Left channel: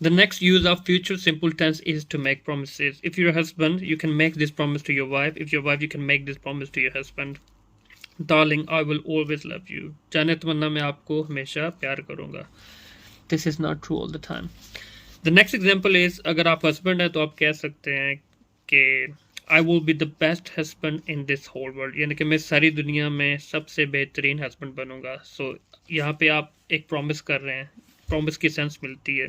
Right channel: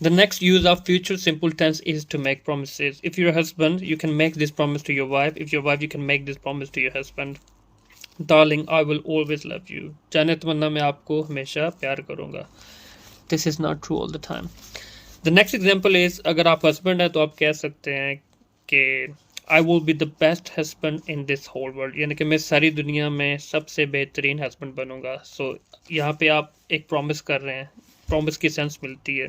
The next use of future simple tense is to make promises. If you're a husband, you can make this promise to your wife. If you're a wife, you can make this promise to your husband. Darling, I will always love you. जाने तमन्ना मैं आपको हमेशा प्यार करूंगा. This is not true all the time. The next example is अगर आप husband हैं तो आप कह सकते हैं कि I will be the best husband in this whole world. यानी कि मैं सारी दुनिया में सबसे बेहतरीन husband बनूंगा. So यहाँ पे आप एक promise कर रहे हैं. Promise की सेंस मिलती है.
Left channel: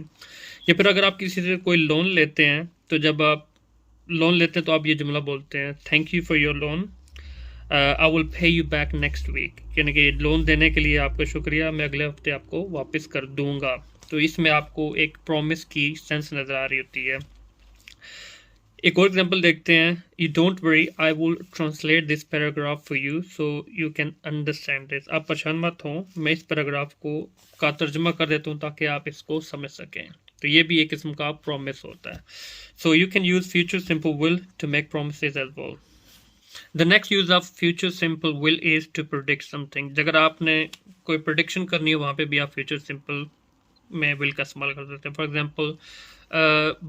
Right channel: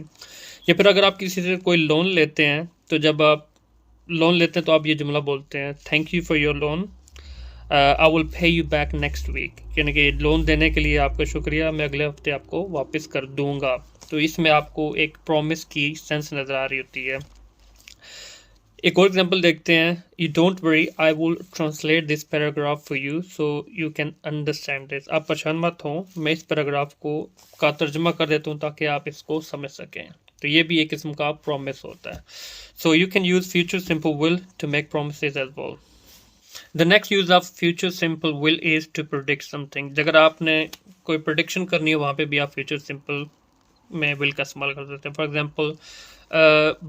या फिर अगर आप किसी से कोई लोन लेते हैं तो जब आप लोन लेते हैं तो आप ये जुमला बोलते हैं thank you for your loan, I will pay you back next week. यानी कि लोन देने के लिए आपका शुक्रिया, मैं अगले हफ्ते आपको वापस कर दूंगा. तो इसमें आपको एक प्रॉमिस की सेंस नज़र आ रही होती है. एक और एग्जांपल देखते हैं. You don't worry, I will translate this paragraph for you so you can understand this. आप परेशान मत हो, मैं इस पैराग्राफ को का तर्जमा कर देता हूँ ताकि आप इसको समझ सकें. तो ये भी एक किस्म का प्रॉमिस होता है. So you can use future simple will to make promises as well. The next use of future simple will is to predict something. अगर आपने कोई प्रोडिक्शन करनी है वहाँ पे भी आप फ्यूचर सिंपल में विल का इस्तेमाल कर सकते हैं. For example,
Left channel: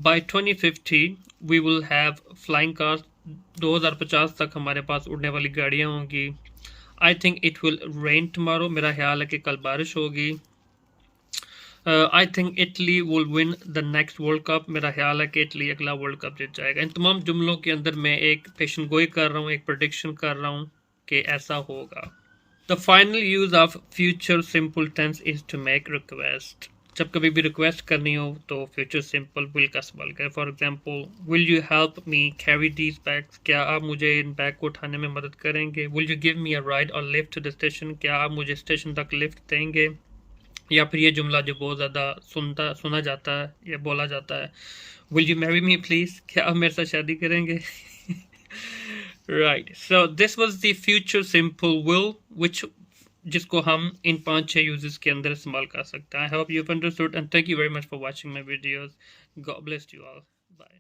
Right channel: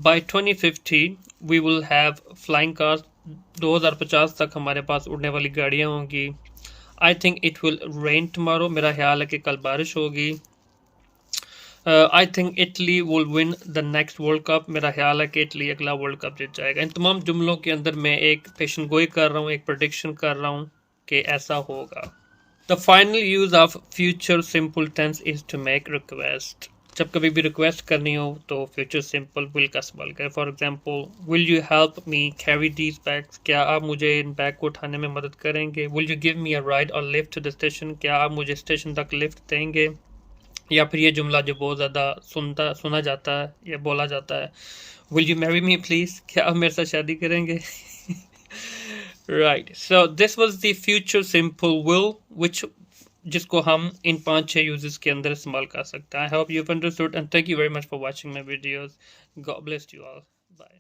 by 2050 we will have flying cars. 2050 तक हमारे पास उड़ने वाली गाड़ियाँ होंगी. I think it will rain tomorrow. मेरा ख्याल है कि कल बारिश होगी. I think Italy will win the next world cup. मेरा ख्याल है कि इटली अगला वर्ल्ड कप जीत जाएगा. इन तमाम जुमलों के अंदर मैं एक पेशन गोई कर रहा हूँ, एक प्रेडिक्शन कर रहा हूँ कि ऐसा होगा. The final use of future simple tense is to make request. जब कभी भी रिक्वेस्ट करनी हो तो फ्यूचर सिंपल विल का इस्तेमाल करें. For example, will you help me carry these bags. क्या आप मुझे इन बैग को उठाने में मदद करेंगे. Will you give me a ride और लिफ्ट टू द स्टेशन. क्या आप मुझे स्टेशन तक लिफ्ट देंगे. या फिर ये जुमला जो बहुत ज़्यादा सुना जाता है या बोला जाता है, will you marry me please. क्या आप मेरे साथ शादी करेंगे. Right. So this was the future simple will which जिसको हम इन 5-6 यूजेस के अंदर इस्तेमाल कर सकते हैं. I hope you understood and thank you very much for watching my videos. God bless you all. Bye.